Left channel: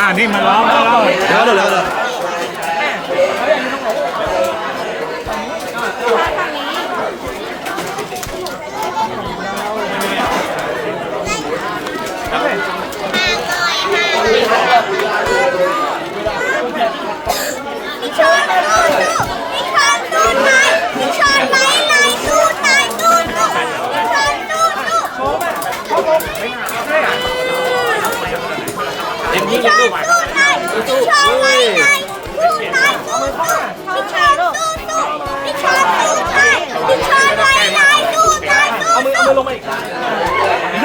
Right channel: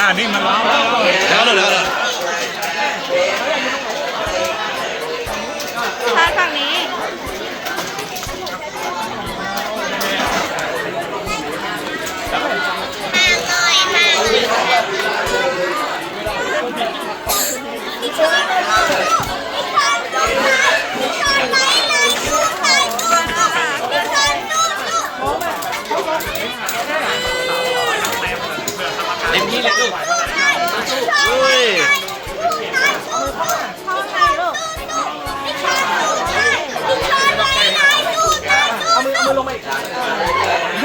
อ่านี่มันแล้วเดี๋ยวก็เลยเดี๋ยว ก็เลยเต็มที่เลยลูกเฮ้ยเอามือเอามือลงมาอีกเ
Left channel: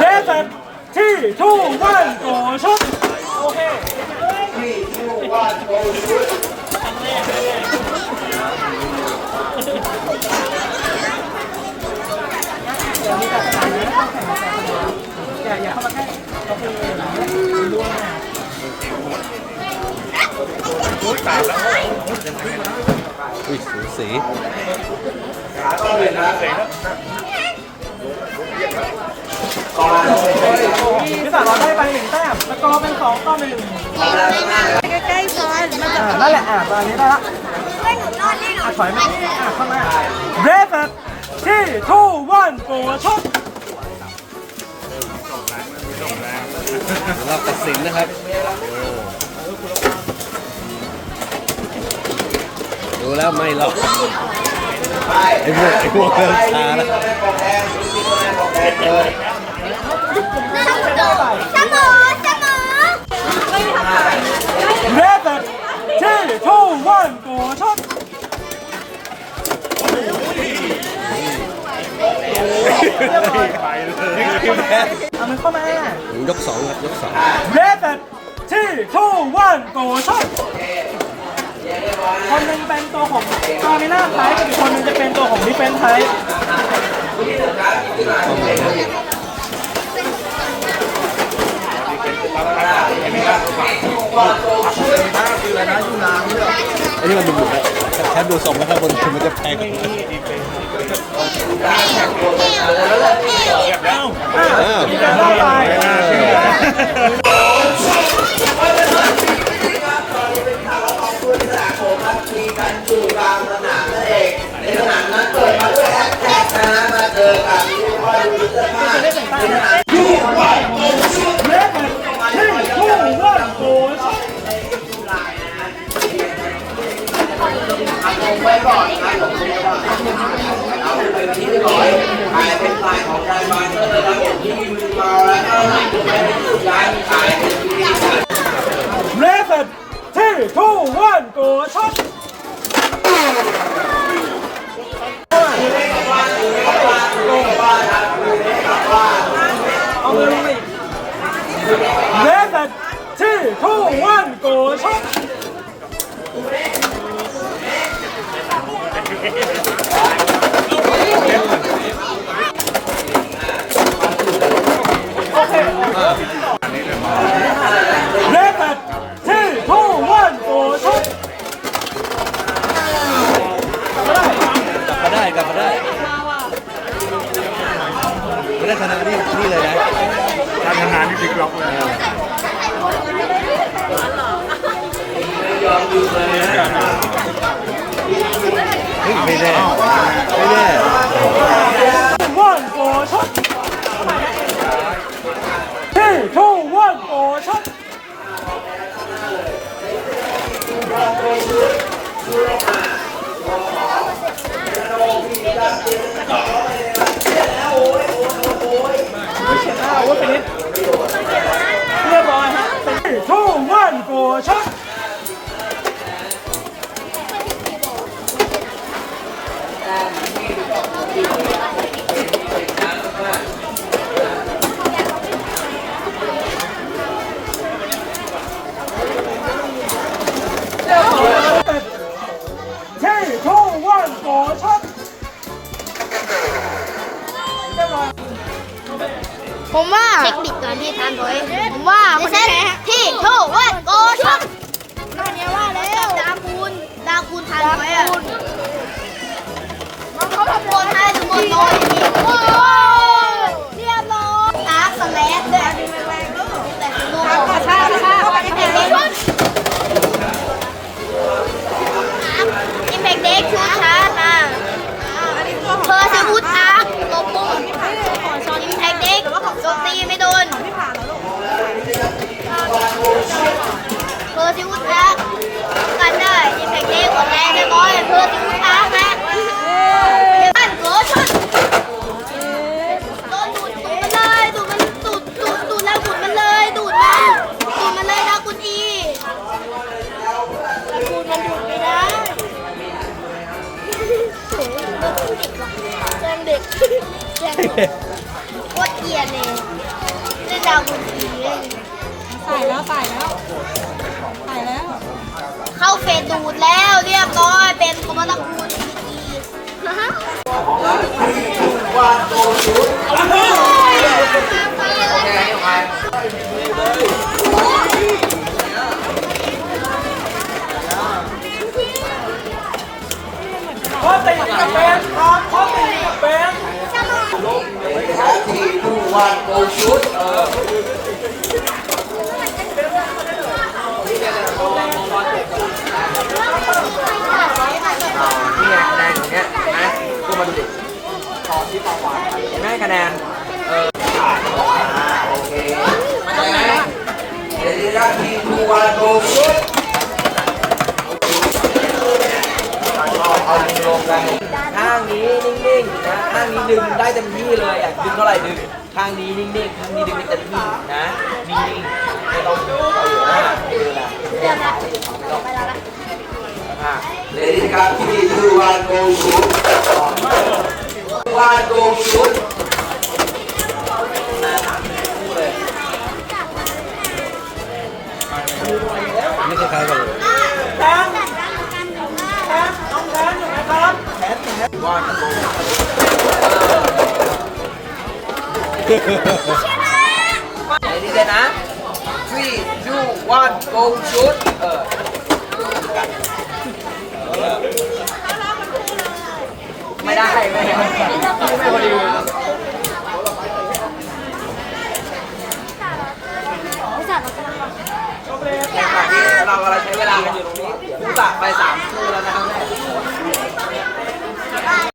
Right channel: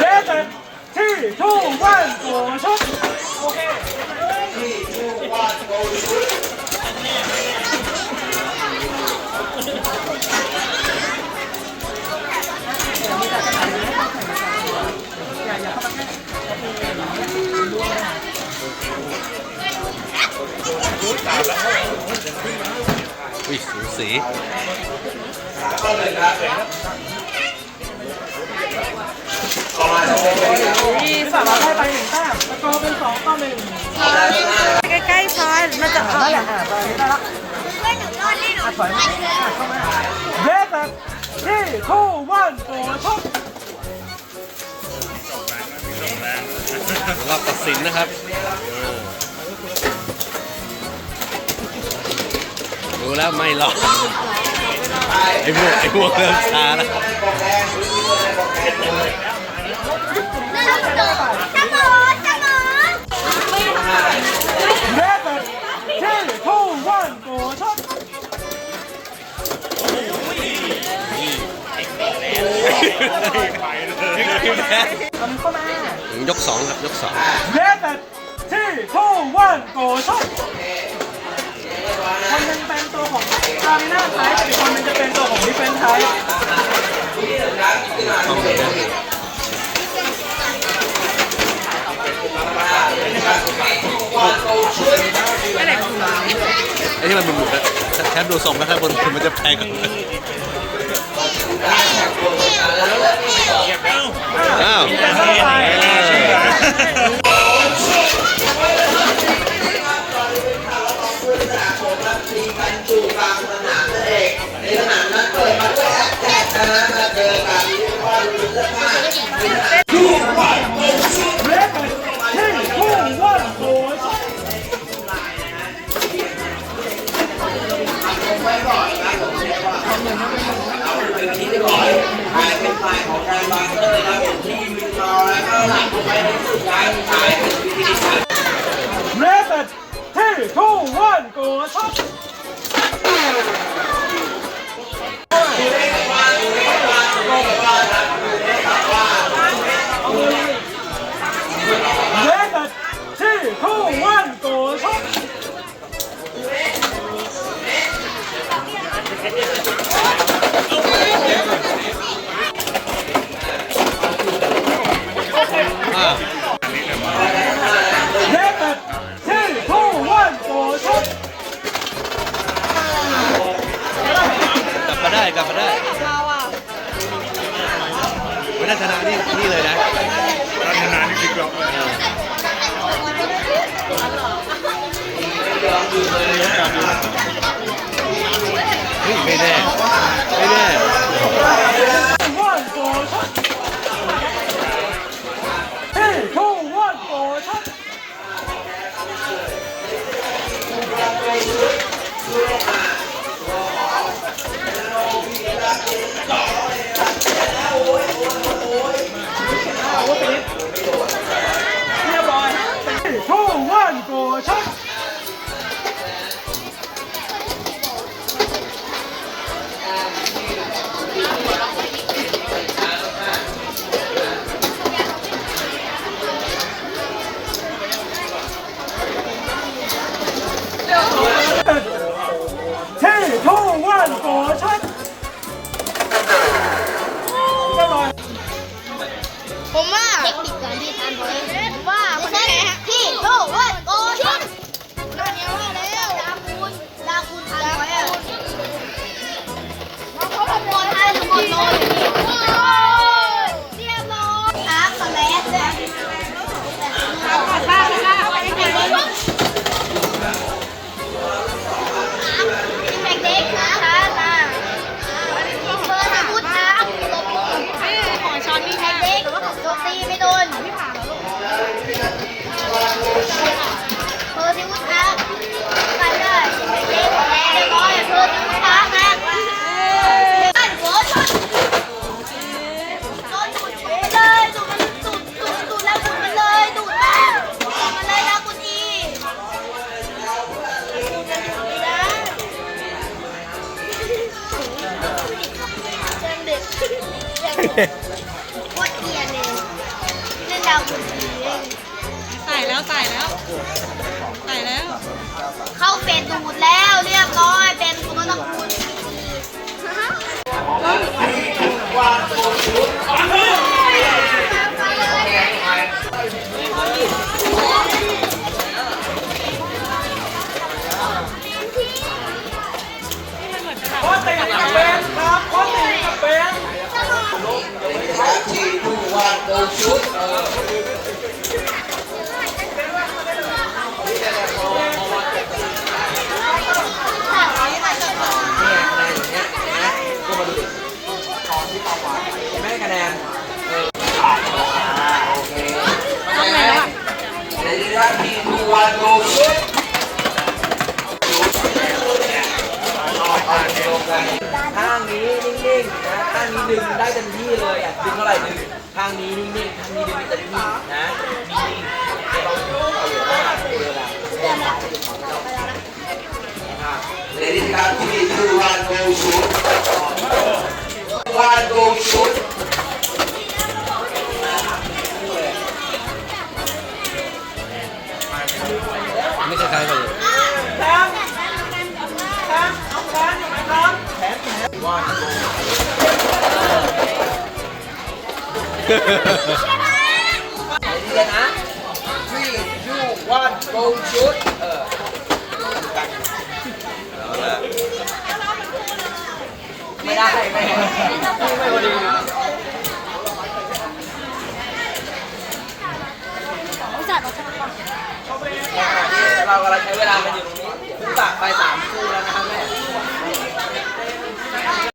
เด็กแบบที่ทูวันชอเค อุ้ยสูสีพิศาเราได้ไปหนึ่งแต้มสกอร์เป็นสองต่อหนึ่งใกล้ๆซอยมันจะนั่นแหละอะตอนนี้ได้แล้วอะถอยมาอะเข้ามาเดฟที่ทูวันตัวชกรอบตัดสินนะครับ ดูแล้วไม่รอดไอ้พวกไอ้พวกเริ่มช้าแล้วเดฟที่ทูวันตัวชกไปเลยเอามันเข้ามายกสองครับยกสองเดฟที่ทูวันตัวชกคนหนึ่งเป็นตัวของ คาร์มิน่าไทป์อีกคนนึงจะเป็นตัวของดิเฟนไทป์ต้องเลยนะไอ้นี่มันบุบๆนะแค่ดูทรงแล้วถ้าบนคุณมันจะแพงกว่าอ้าว เออเดฟที่ทูวันตัวชกถ่ายเป็นไฟของรายวันนะครับผมที่มีมาแล้วก็หลังไปในสุดท้ายถ่ายเป็นวิดีโอเรสที่ทู กลับมาได้กลับมาได้ไม่ได้ชนะนี่นี่เลยนะการทำงานที่พลิกล็อกเลยเฮ้ยไม่แน่ไม่แน่วันตัวช ชิงเด็กโคตรเกลียดเลยนี่ดาวคุณอีเลยใส่แล้วใส่แล้วใส่แล้ว เข้าเฟสดูดแล้วเรียบร้อยเป็นคอมมานด์คูณพีทีวันโกชุดโอเคทำไมโค้ชติเป็นครับโค้ วันโกชุดเออนี่ไงคะแนนอย่างเงี้ยเห็นไหมก็มาดูดิเห็นไหมคะแนน นี้นิ่งๆนะข้างนี้ดึงได้เต็มที่เลยอะดึงเท่าไหร่ดึงข้างนี้นิ่งๆข้างนี้ดึงเต็มที่นะนิ่งๆไม่ต้องเอาอยู่หน้าเออละเรียบร้อยไม่ต้องเลดี้ครับที่ดูวันโกชุดวันโก วันโกเลดี้เลยนะ three two one go shoot เออไม่ได้ ไม่ไม่ไม่พอดีในขณะที่เรากำลังใช้เวลากันอยู่ตรงนี้เดี๋ยวผู้ตักไปสามคู่แล้วนะครับแม่